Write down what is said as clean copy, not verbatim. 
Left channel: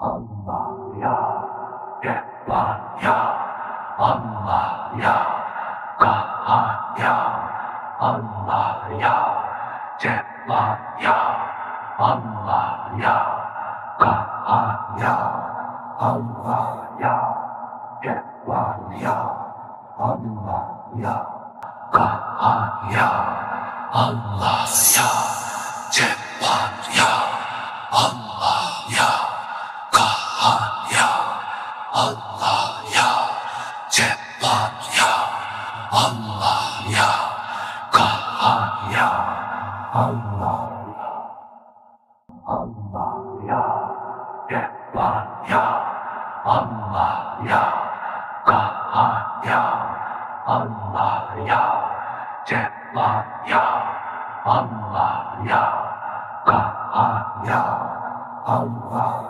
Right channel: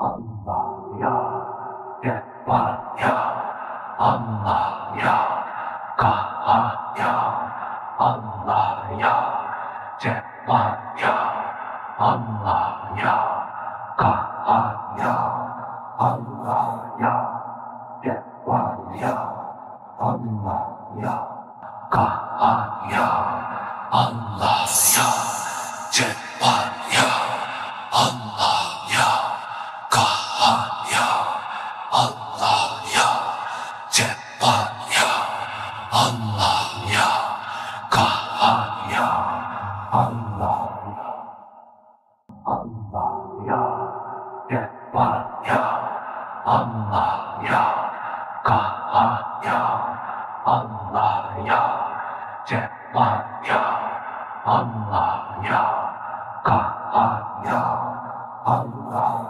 Allah ya, Rahman ya, Allah ya, Kahhar ya, Allah ya, Cebbar ya, Allah ya, Kahhar ya, Allah ya, Cebbar ya, Allah ya, Kahhar ya, Allah ya, Cebbar ya, Allah ya, Kahhar ya, Allah ya, Cebbar ya, Allah ya, Kahhar ya, Allah ya, Allah ya, Cebbar ya, Allah ya, Kahhar ya, Allah ya, Cebbar ya, Allah ya, Kahhar ya, Allah